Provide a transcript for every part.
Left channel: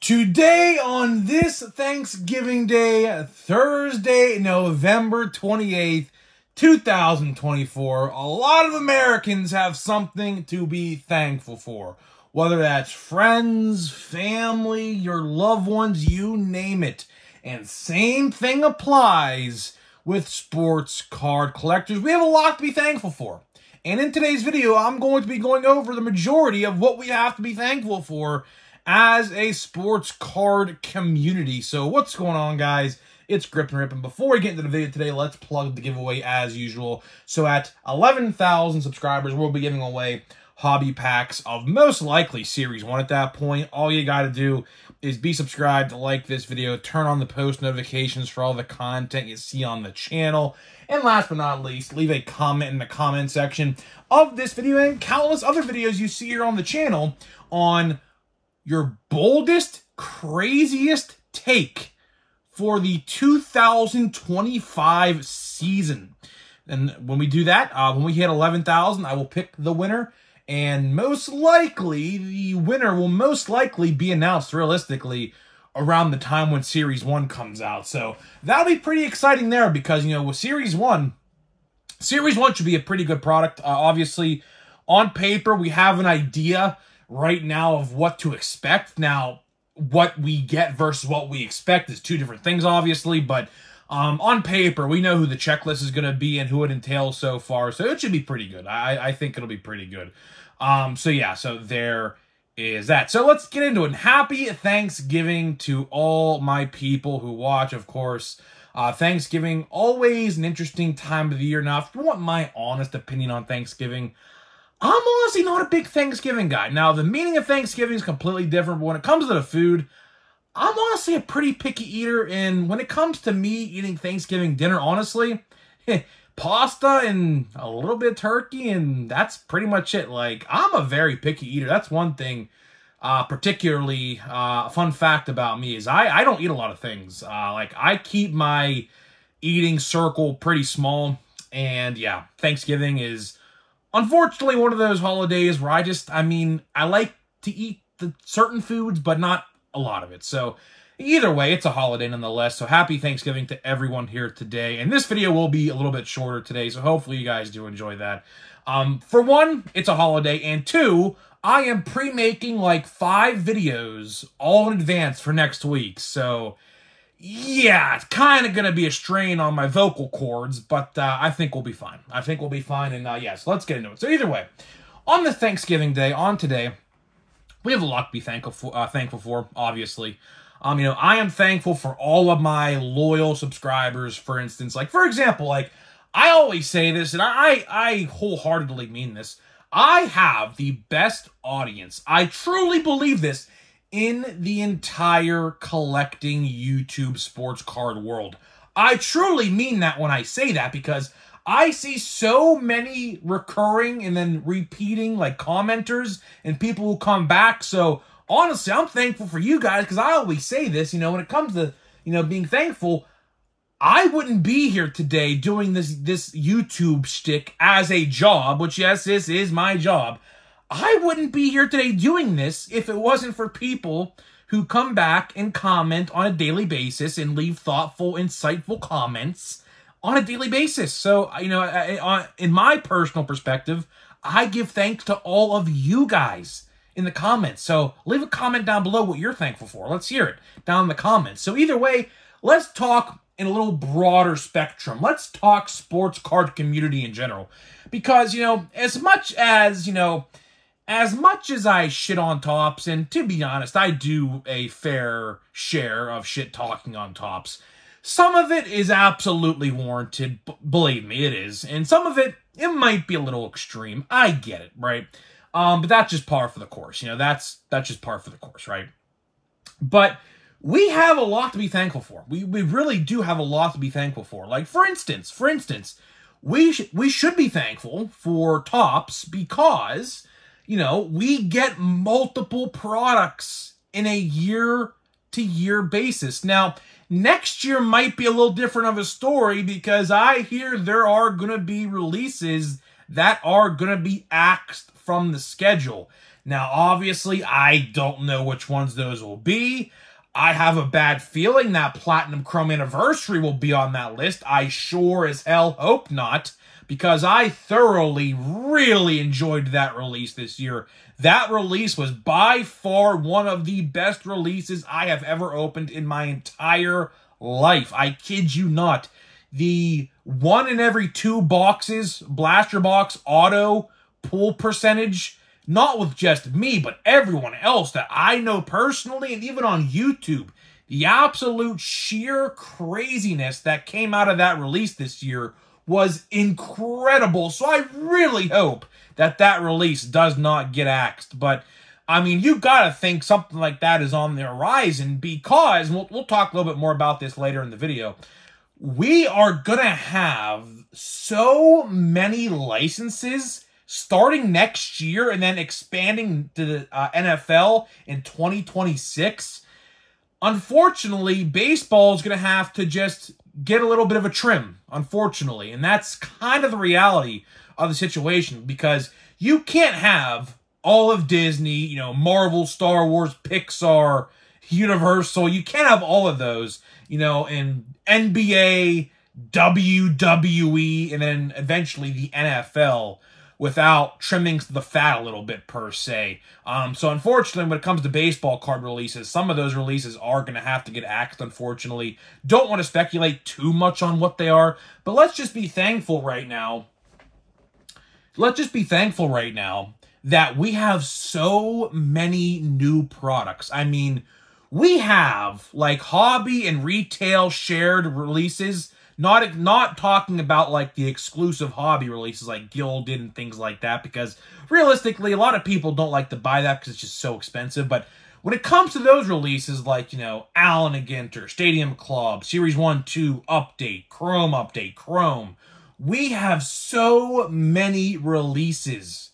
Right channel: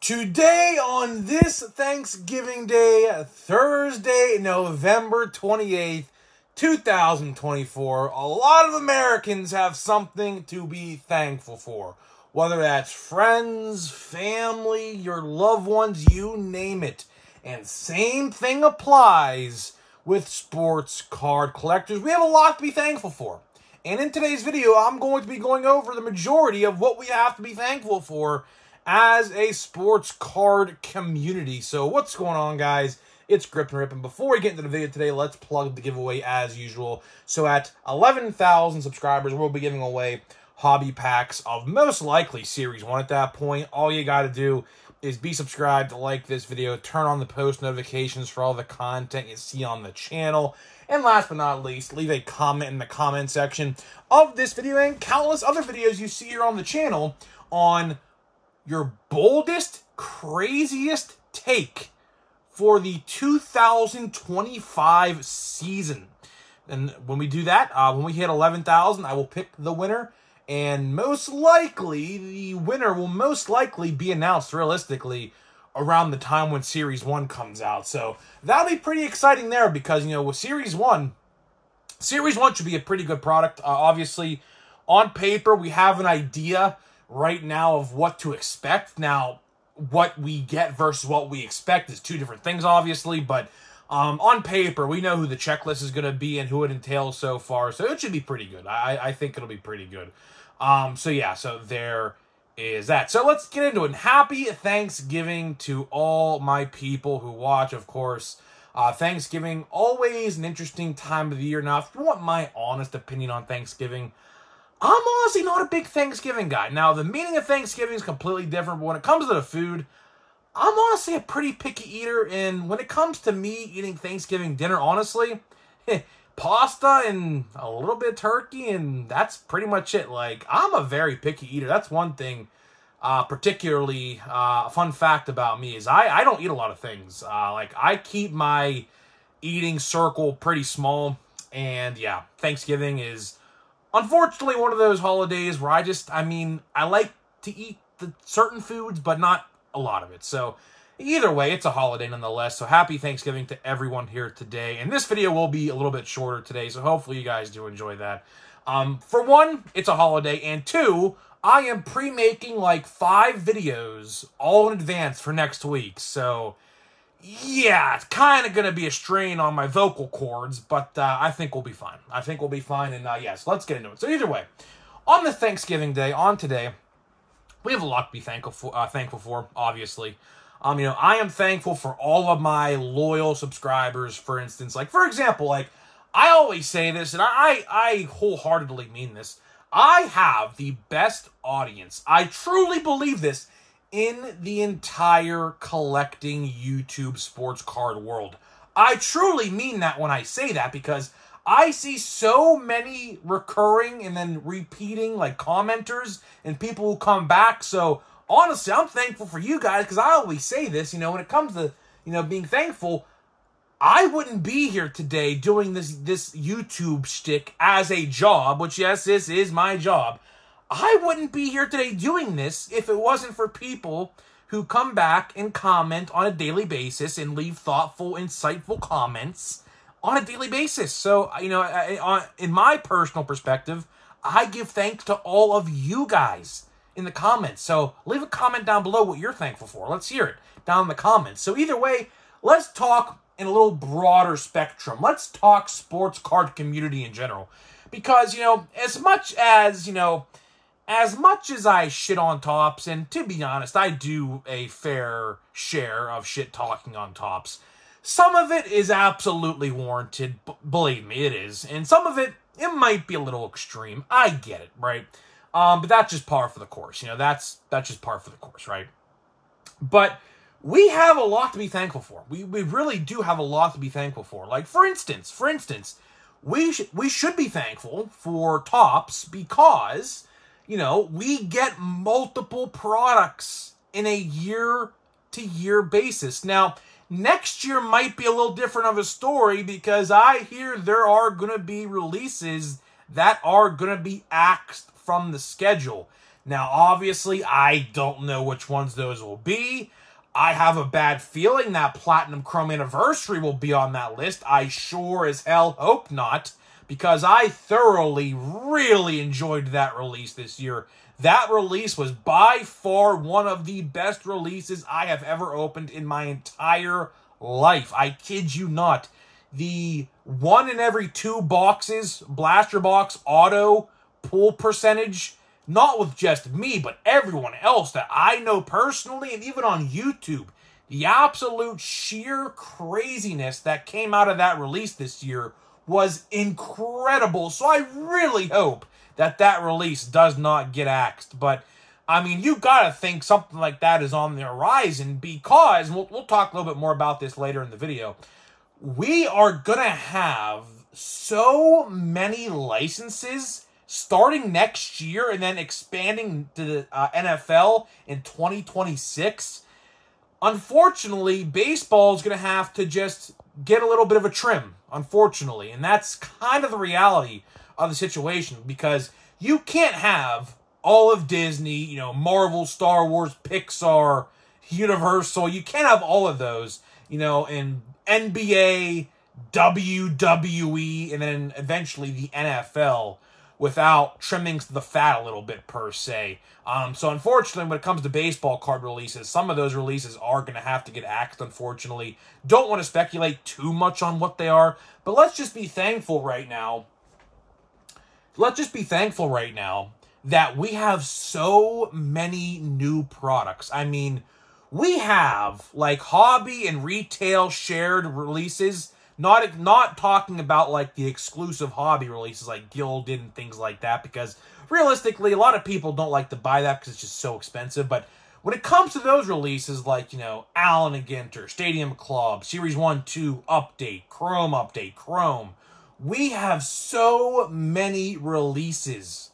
Today, on this Thanksgiving Day, Thursday, November 28th, 2024, a lot of Americans have something to be thankful for. Whether that's friends, family, your loved ones, you name it. And same thing applies with sports card collectors. We have a lot to be thankful for. And in today's video, I'm going to be going over the majority of what we have to be thankful for as a sports card community. So what's going on, guys? It's Grip and Rip, and before we get into the video today, let's plug the giveaway as usual. So at 11,000 subscribers, we'll be giving away hobby packs of most likely Series 1 at that point. All you got to do is be subscribed, like this video, turn on the post notifications for all the content you see on the channel, and last but not least, leave a comment in the comment section of this video and countless other videos you see here on the channel on your boldest, craziest take for the 2025 season. And when we do that, when we hit 11,000, I will pick the winner. And most likely, the winner will most likely be announced realistically around the time when Series 1 comes out. So that'll be pretty exciting there because, you know, with Series 1 should be a pretty good product. Obviously, on paper, we have an idea right now of what to expect. Now, what we get versus what we expect is two different things, obviously, but on paper, we know who the checklist is going to be and who it entails so far, so it should be pretty good. I think it'll be pretty good. So yeah, so there is that. So let's get into it. Happy Thanksgiving to all my people who watch, of course. Thanksgiving, always an interesting time of the year. Now, if you want my honest opinion on Thanksgiving, I'm honestly not a big Thanksgiving guy. Now, the meaning of Thanksgiving is completely different, but when it comes to the food, I'm honestly a pretty picky eater, and when it comes to me eating Thanksgiving dinner, honestly, pasta and a little bit of turkey, and that's pretty much it. Like, I'm a very picky eater. That's one thing, particularly, a fun fact about me is I don't eat a lot of things. Like, I keep my eating circle pretty small, and yeah, Thanksgiving is unfortunately one of those holidays where I like to eat the certain foods, but not a lot of it. So either way, it's a holiday nonetheless. So happy Thanksgiving to everyone here today. And this video will be a little bit shorter today, so hopefully you guys do enjoy that. For one, it's a holiday, and two, I am pre-making like 5 videos all in advance for next week. So yeah, it's kind of going to be a strain on my vocal cords, but I think we'll be fine. I think we'll be fine, and yes, let's get into it. So either way, on the Thanksgiving Day, on today, we have a lot to be thankful for, obviously. You know, I am thankful for all of my loyal subscribers, for instance. Like, for example, like, I always say this, and I wholeheartedly mean this. I have the best audience. I truly believe this in the entire collecting YouTube sports card world. I truly mean that when I say that, because I see so many recurring and then repeating, like, commenters and people who come back. So honestly, I'm thankful for you guys, because I always say this, you know, when it comes to, you know, being thankful, I wouldn't be here today doing this YouTube shtick as a job, which, yes, this is my job. I wouldn't be here today doing this if it wasn't for people who come back and comment on a daily basis and leave thoughtful, insightful comments on a daily basis. So, you know, in my personal perspective, I give thanks to all of you guys in the comments. So leave a comment down below what you're thankful for. Let's hear it down in the comments. So either way, let's talk in a little broader spectrum. Let's talk sports card community in general. Because, you know, as much as I shit on Topps, and to be honest, I do a fair share of shit talking on Topps, some of it is absolutely warranted. Believe me, it is. And some of it might be a little extreme. I get it, right? But that's just par for the course. You know, that's just par for the course, right? But we have a lot to be thankful for. We really do have a lot to be thankful for. Like, for instance, we should be thankful for Topps because, you know, we get multiple products in a year-to-year basis. Now, next year might be a little different of a story because I hear there are going to be releases that are going to be axed from the schedule. Now, obviously, I don't know which ones those will be. I have a bad feeling that Platinum Chrome Anniversary will be on that list. I sure as hell hope not, because I thoroughly, really enjoyed that release this year. That release was by far one of the best releases I have ever opened in my entire life. I kid you not. The 1 in every 2 boxes, Blaster Box auto pull percentage, not with just me, but everyone else that I know personally and even on YouTube, the absolute sheer craziness that came out of that release this year was incredible. So I really hope that that release does not get axed. But, I mean, you gotta think something like that is on the horizon, because, and we'll talk a little bit more about this later in the video, we are gonna have so many licenses starting next year and then expanding to the NFL in 2026. Unfortunately, baseball is going to have to just get a little bit of a trim, unfortunately. And that's kind of the reality of the situation, because you can't have all of Disney, you know, Marvel, Star Wars, Pixar, Universal. You can't have all of those, you know, in NBA, WWE, and then eventually the NFL, without trimming the fat a little bit, per se. So unfortunately, when it comes to baseball card releases, some of those releases are going to have to get axed, unfortunately. Don't want to speculate too much on what they are, but let's just be thankful right now. Let's just be thankful right now that we have so many new products. I mean, we have, like, hobby and retail shared releases. Not talking about, like, the exclusive hobby releases like Gilded and things like that, because realistically, a lot of people don't like to buy that because it's just so expensive. But when it comes to those releases like, you know, Allen & Ginter, Stadium Club, Series 1-2 Update, Chrome, we have so many releases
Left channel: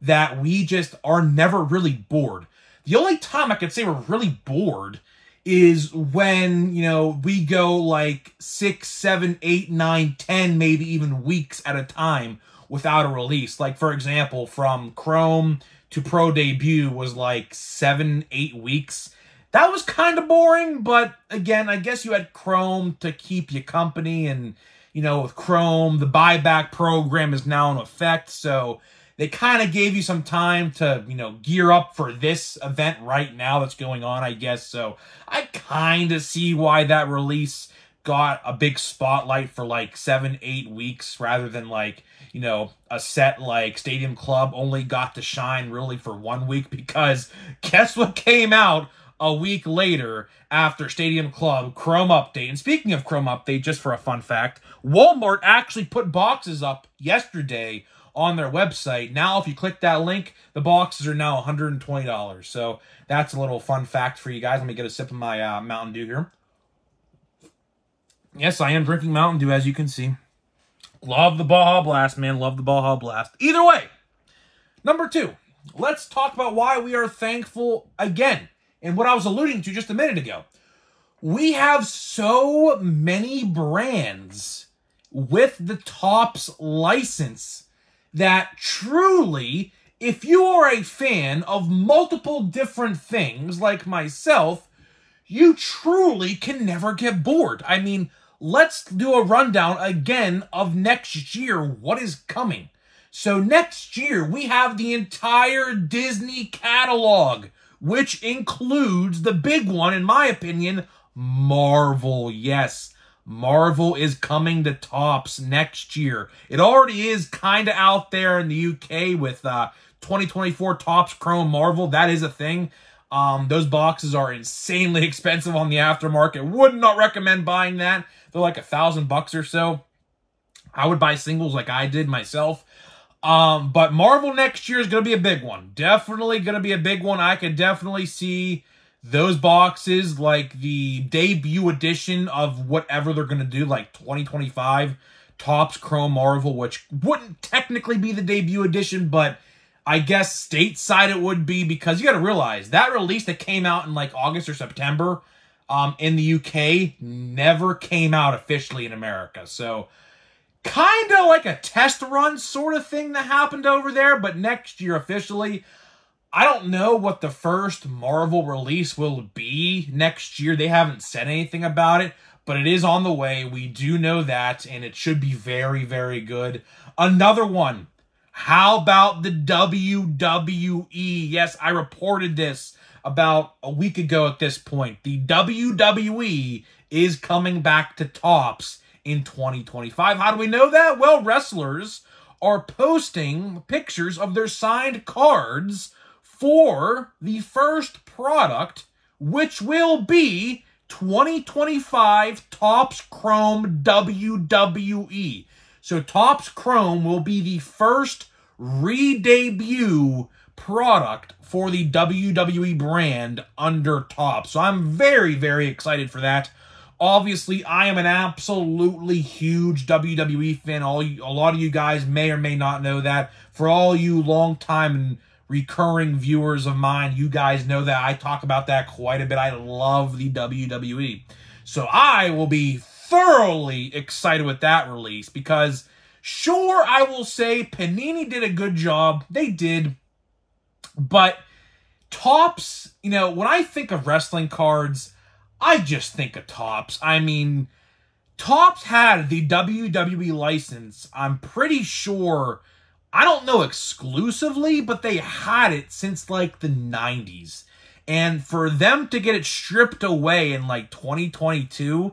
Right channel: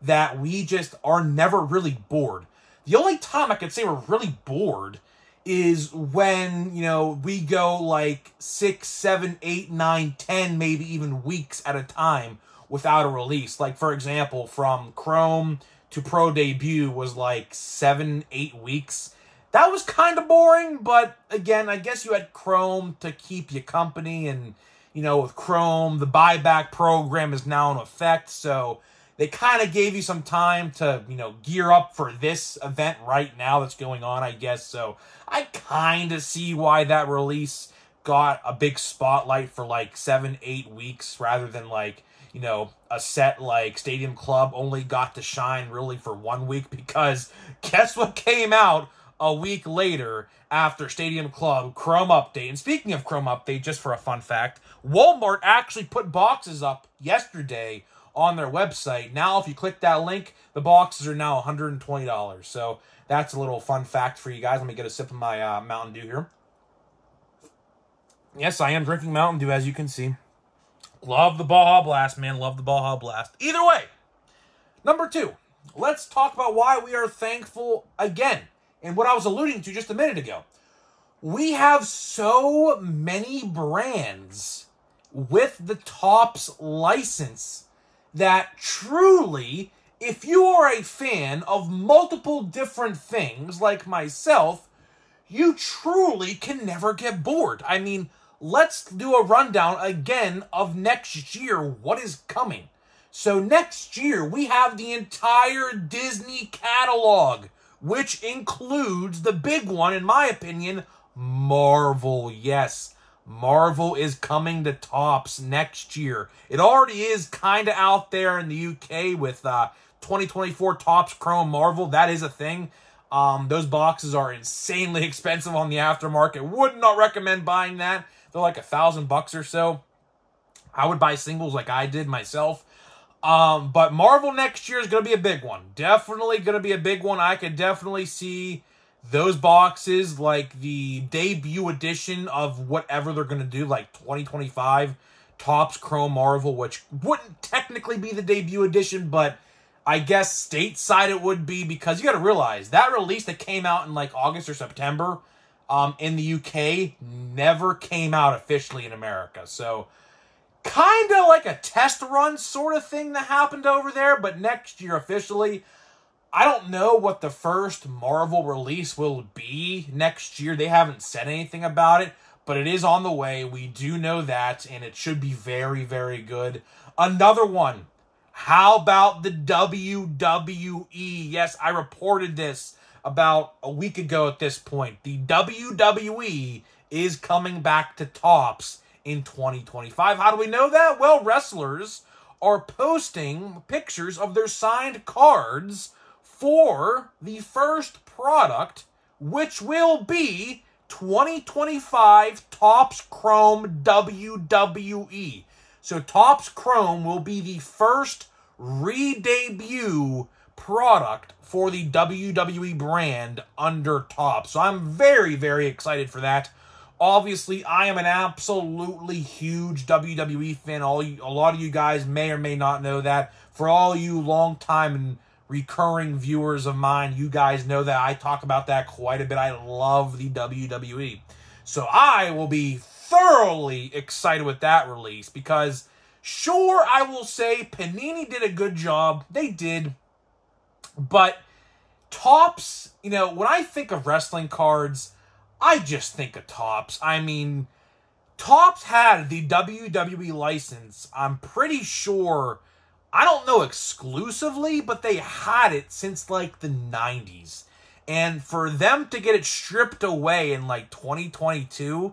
that we just are never really bored. The only time I could say we're really bored is when, you know, we go like 6, 7, 8, 9, 10, maybe even weeks at a time without a release. Like, for example, from Chrome to Pro Debut was like 7, 8 weeks. That was kind of boring, but again, I guess you had Chrome to keep you company, and, you know, with Chrome, the buyback program is now in effect, so they kind of gave you some time to, you know, gear up for this event right now that's going on, I guess. So I kind of see why that release got a big spotlight for like 7, 8 weeks, rather than, like, you know, a set like Stadium Club only got to shine really for 1 week, because guess what came out a week later after Stadium Club? Chrome Update. And speaking of Chrome Update, just for a fun fact, Walmart actually put boxes up yesterday on their website. Now, if you click that link, the boxes are now $120. So that's a little fun fact for you guys. Let me get a sip of my Mountain Dew here. Yes, I am drinking Mountain Dew, as you can see. Love the Baja Blast, man. Love the Baja Blast. Either way, number 2, let's talk about why we are thankful again, and what I was alluding to just a minute ago. We have so many brands with the Topps license that truly, if you are a fan of multiple different things like myself, you truly can never get bored. I mean, let's do a rundown again of next year, what is coming. So next year, we have the entire Disney catalog, which includes the big one, in my opinion, Marvel. Yes, Marvel is coming to Topps next year. It already is kind of out there in the UK with 2024 Topps Chrome Marvel. That is a thing. Those boxes are insanely expensive on the aftermarket. Would not recommend buying that. They're like $1,000 or so. I would buy singles like I did myself. But Marvel next year is going to be a big one. Definitely going to be a big one. I could definitely see those boxes, like the debut edition of whatever they're going to do, like 2025 Topps Chrome Marvel, which wouldn't technically be the debut edition, but I guess stateside it would be, because you got to realize that release that came out in like August or September in the UK never came out officially in America. So kind of like a test run sort of thing that happened over there, but next year officially. I don't know what the first Marvel release will be next year. They haven't said anything about it, but it is on the way. We do know that, and it should be very, very good. Another one. How about the WWE? Yes, I reported this about a week ago at this point. The WWE is coming back to Topps in 2025. How do we know that? Well, wrestlers are posting pictures of their signed cards for the first product, which will be 2025 Topps Chrome WWE. So Topps Chrome will be the first re-debut product for the WWE brand under Topps. So I'm very, very excited for that. Obviously, I am an absolutely huge WWE fan. A lot of you guys may or may not know that. For all you long-time and recurring viewers of mine, you guys know that I talk about that quite a bit. I love the WWE. So I will be thoroughly excited with that release because, sure, I will say Panini did a good job. They did. But Topps, you know, when I think of wrestling cards, I just think of Topps. I mean, Topps had the WWE license, I'm pretty sure, I don't know exclusively, but they had it since like the 90s. And for them to get it stripped away in like 2022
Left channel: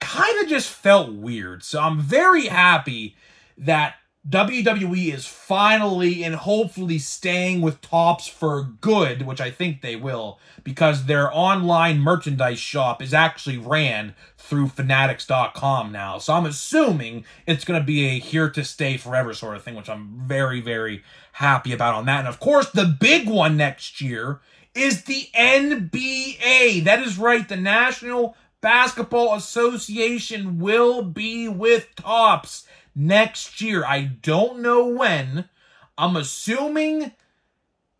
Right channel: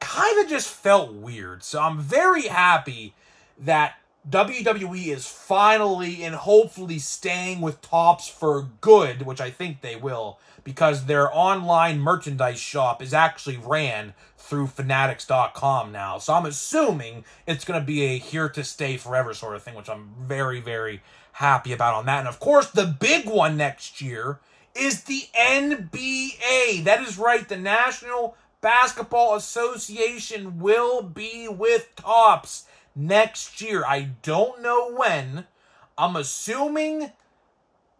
kind of just felt weird. So I'm very happy that WWE is finally and hopefully staying with Topps for good, which I think they will, because their online merchandise shop is actually ran through Fanatics.com now. So I'm assuming it's going to be a here to stay forever sort of thing, which I'm very, very happy about on that. And of course, the big one next year is the NBA. That is right, the National Basketball Association will be with Topps next year. I don't know when. I'm assuming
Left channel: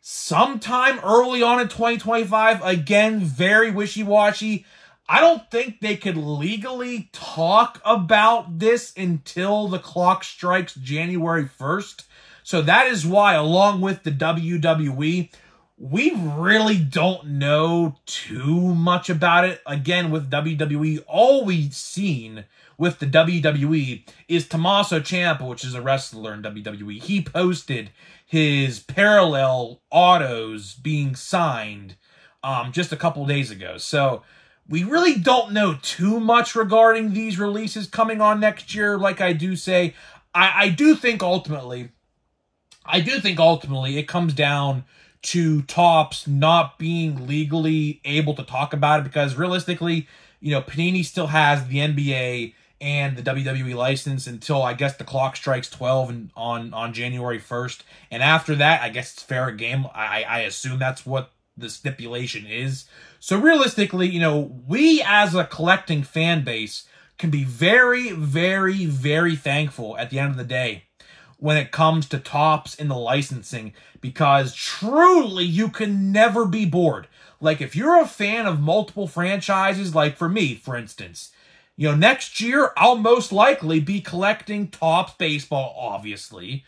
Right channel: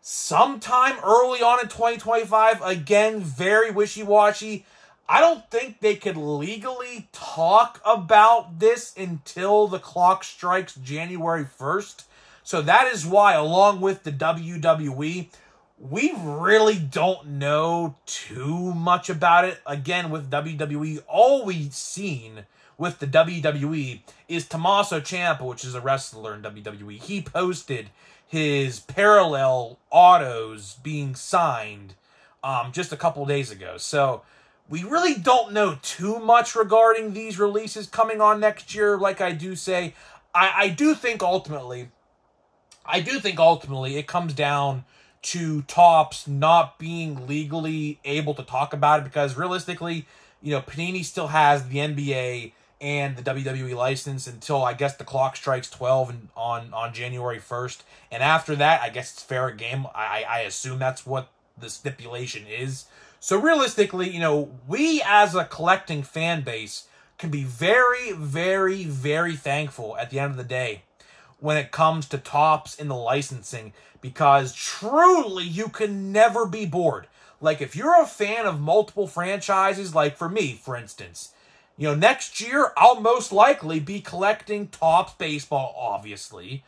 sometime early on in 2025. Again, very wishy-washy. I don't think they could legally talk about this until the clock strikes January 1st. So that is why, along with the WWE, we really don't know too much about it. Again, with WWE, all we've seen with the WWE is Tommaso Ciampa, which is a wrestler in WWE. He posted his parallel autos being signed just a couple days ago. So we really don't know too much regarding these releases coming on next year. Like I do say, I do think ultimately it comes down to Topps not being legally able to talk about it, because realistically, you know, Panini still has the NBA and the WWE license until, I guess, the clock strikes 12 and on January 1st. And after that, I guess it's fair game. I assume that's what the stipulation is. So realistically, you know, we as a collecting fan base can be very, very, very thankful at the end of the day when it comes to Topps and the licensing, because truly you can never be bored. Like, if you're a fan of multiple franchises, like for me, for instance, you know, next year I'll most likely be collecting Topps baseball, obviously.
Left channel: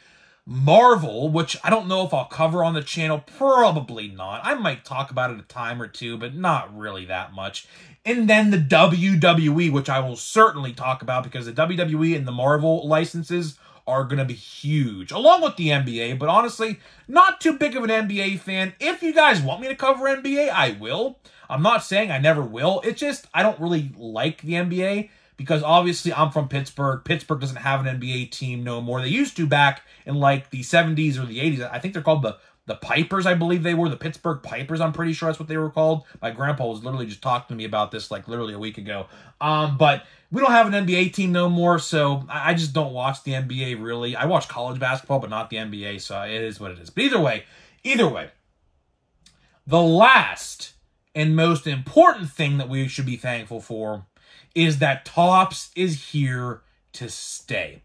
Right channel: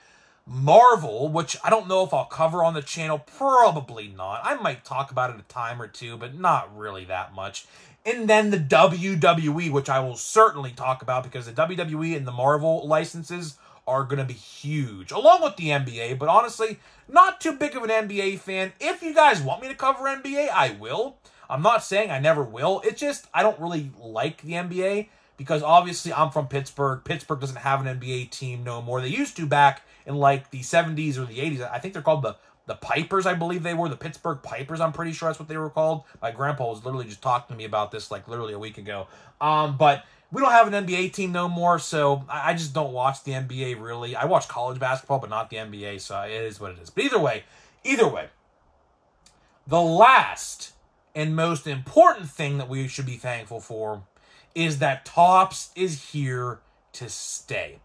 Marvel, which I don't know if I'll cover on the channel, probably not. I might talk about it a time or two, but not really that much. And then the WWE, which I will certainly talk about, because the WWE and the Marvel licenses are going to be huge, along with the NBA. But honestly, not too big of an NBA fan. If you guys want me to cover NBA, I will. I'm not saying I never will. It's just I don't really like the NBA, because obviously I'm from Pittsburgh. Pittsburgh doesn't have an NBA team no more. They used to back in like the 70s or the 80s. I think they're called the Pipers, I believe they were. The Pittsburgh Pipers, I'm pretty sure that's what they were called. My grandpa was literally just talking to me about this like literally a week ago. But we don't have an NBA team no more, so I just don't watch the NBA really. I watch college basketball, but not the NBA, so it is what it is. But either way, the last and most important thing that we should be thankful for is that Topps is here to stay.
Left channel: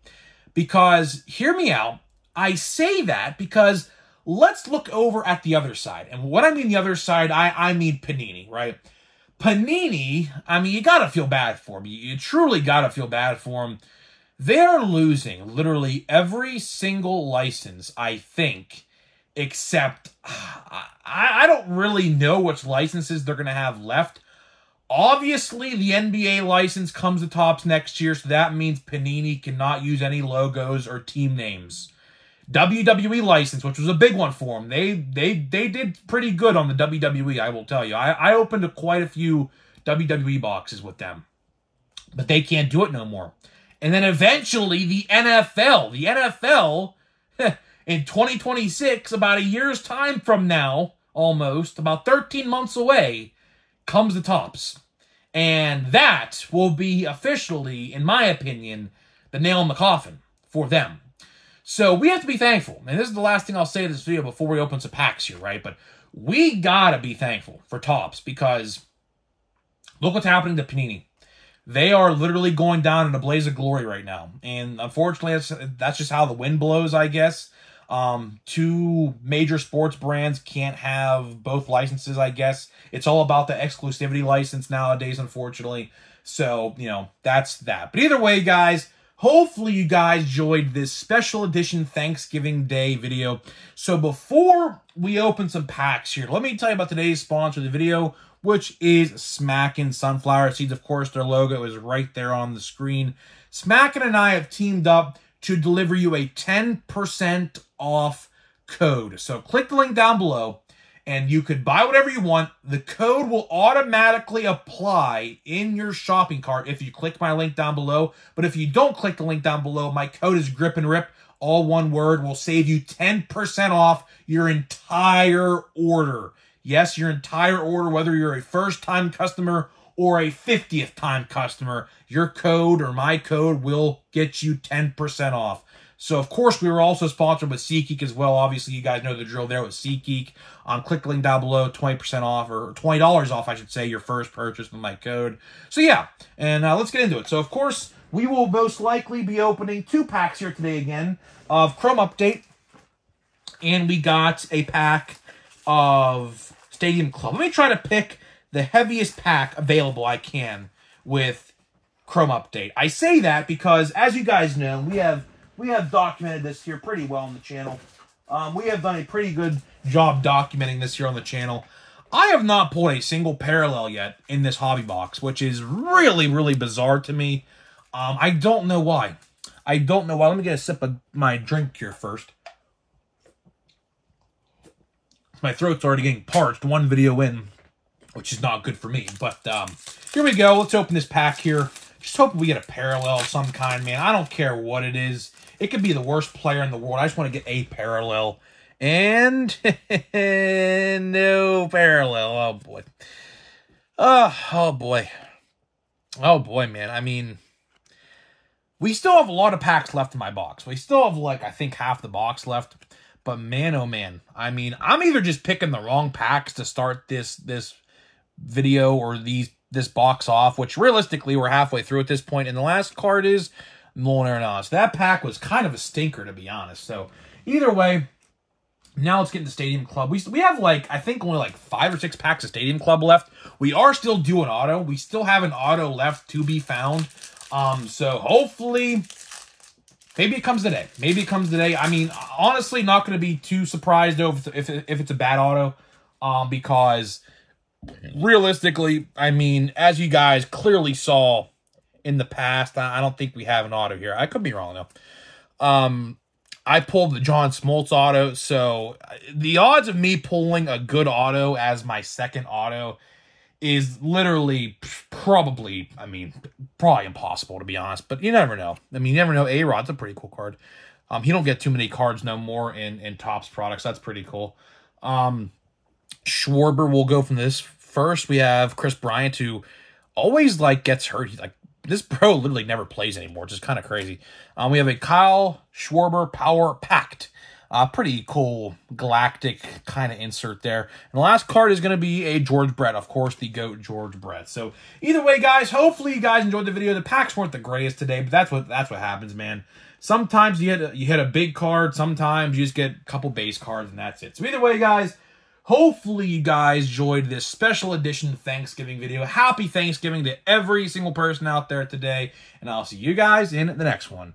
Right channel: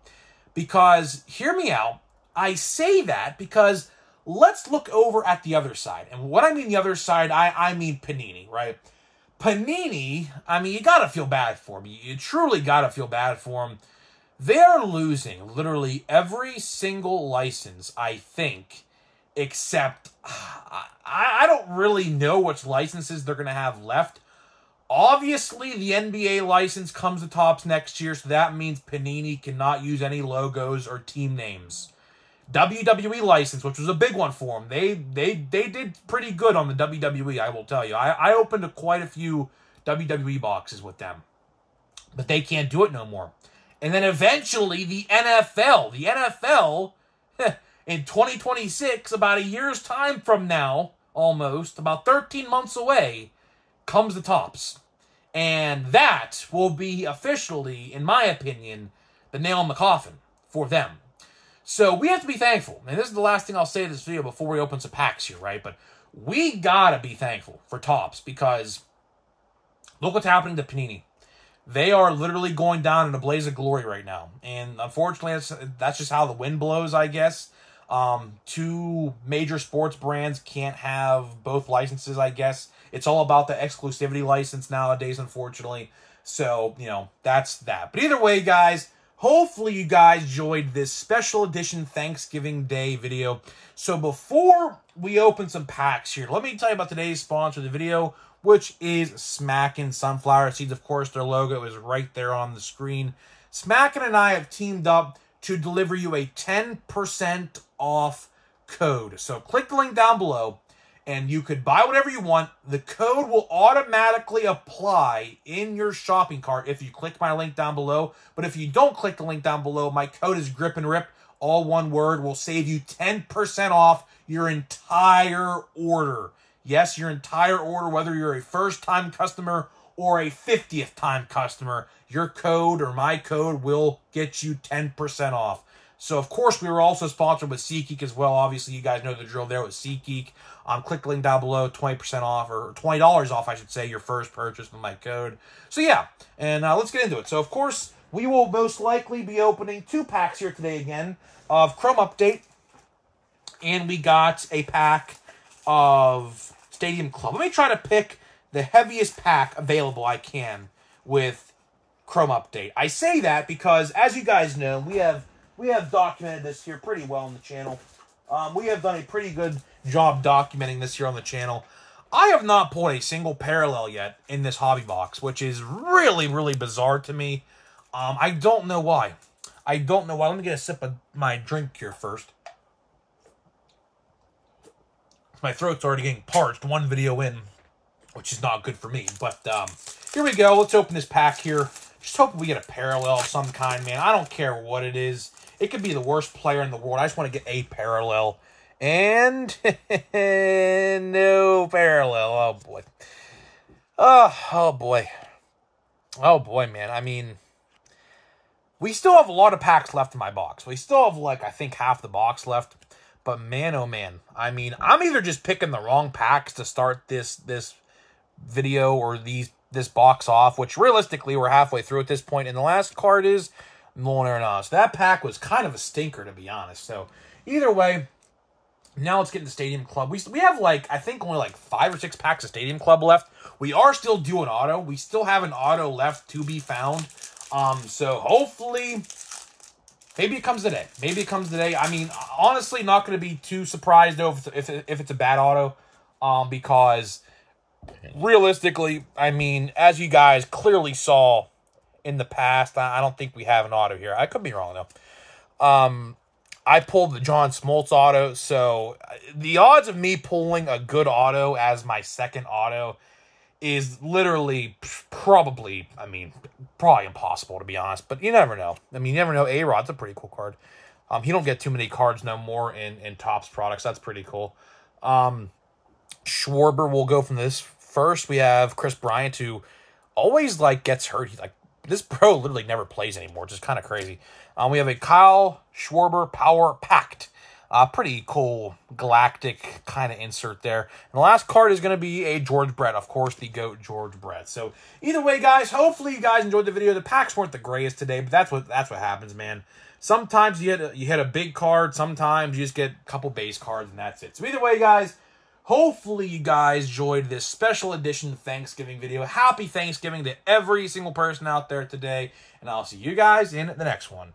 Because, hear me out, I say that because let's look over at the other side. And what I mean the other side, I mean Panini, right? Panini, I mean, you gotta feel bad for them. You truly gotta feel bad for them. They're losing literally every single license, I think, except I don't really know which licenses they're going to have left. Obviously, the NBA license comes to Topps next year, so that means Panini cannot use any logos or team names. WWE license, which was a big one for them. They did pretty good on the WWE, I will tell you. I opened quite a few WWE boxes with them. But they can't do it no more. And then eventually the NFL. The NFL, in 2026, about a year's time from now, almost, about 13 months away, comes to Topps. And that will be officially, in my opinion, the nail in the coffin for them. So we have to be thankful. And this is the last thing I'll say in this video before we open some packs here, right? But we gotta be thankful for Topps because look what's happening to Panini. They are literally going down in a blaze of glory right now. And unfortunately, that's just how the wind blows, I guess. Two major sports brands can't have both licenses, I guess. It's all about the exclusivity license nowadays, unfortunately. So, you know, that's that. But either way, guys, hopefully you guys enjoyed this special edition Thanksgiving Day video. So before we open some packs here, let me tell you about today's sponsor of the video, which is Smackin' Sunflower Seeds. Of course, their logo is right there on the screen. Smackin' and I have teamed up to deliver you a 10% off code. So click the link down below, and you could buy whatever you want. The code will automatically apply in your shopping cart if you click my link down below. But if you don't click the link down below, my code is Grip and Rip. All one word will save you 10% off your entire order. Yes, your entire order, whether you're a first-time customer or a 50th-time customer, your code or my code will get you 10% off. So, of course, we were also sponsored with SeatGeek as well. Obviously, you guys know the drill there with SeatGeek. Click the link down below, 20% off, or $20 off, I should say, your first purchase with my code. So, yeah, and let's get into it. So, of course, we will most likely be opening 2 packs here today again of Chrome Update. And we got a pack of Stadium Club. Let me try to pick the heaviest pack available I can with Chrome Update. I say that because, as you guys know, we have documented this here pretty well on the channel. We have done a pretty good job documenting this here on the channel. I have not pulled a single parallel yet in this hobby box, which is really, really bizarre to me. I don't know why. I don't know why. Let me get a sip of my drink here first. My throat's already getting parched one video in, which is not good for me. But here we go. Let's open this pack here. Just hoping we get a parallel of some kind, man. I don't care what it is. It could be the worst player in the world. I just want to get a parallel. And no parallel. Oh, boy. Oh, boy. Oh, boy, man. I mean, we still have a lot of packs left in my box. We still have, like, I think half the box left. But man, oh man, I mean, I'm either just picking the wrong packs to start this video or this box off, which realistically we're halfway through at this point. And the last card is Nolan Arenado. That pack was kind of a stinker, to be honest. So either way, now let's get into Stadium Club. We have like, I think only like 5 or 6 packs of Stadium Club left. We are still doing auto. We still have an auto left to be found. So hopefully, maybe it comes today. Maybe it comes today. I mean, honestly, not going to be too surprised, though, if it's a bad auto. Because, realistically, I mean, as you guys clearly saw in the past, I don't think we have an auto here. I could be wrong, though. I pulled the John Smoltz auto, so the odds of me pulling a good auto as my second auto is literally probably impossible, to be honest. But you never know. I mean, you never know. A-Rod's a pretty cool card. He don't get too many cards no more in Topps products. That's pretty cool. Schwarber will go from this. First, we have Chris Bryant, who always, like, gets hurt. He's like, this bro literally never plays anymore, which is kind of crazy. We have a Kyle Schwarber Power Pact. Pretty cool galactic kind of insert there. And the last card is going to be a George Brett. Of course, the GOAT George Brett. So either way, guys, hopefully you guys enjoyed the video. The packs weren't the greatest today, but that's what happens, man. Sometimes you hit a big card. Sometimes you just get a couple base cards, and that's it. So either way, guys, hopefully you guys enjoyed this special edition Thanksgiving video. Happy Thanksgiving to every single person out there today. And I'll see you guys in the next one.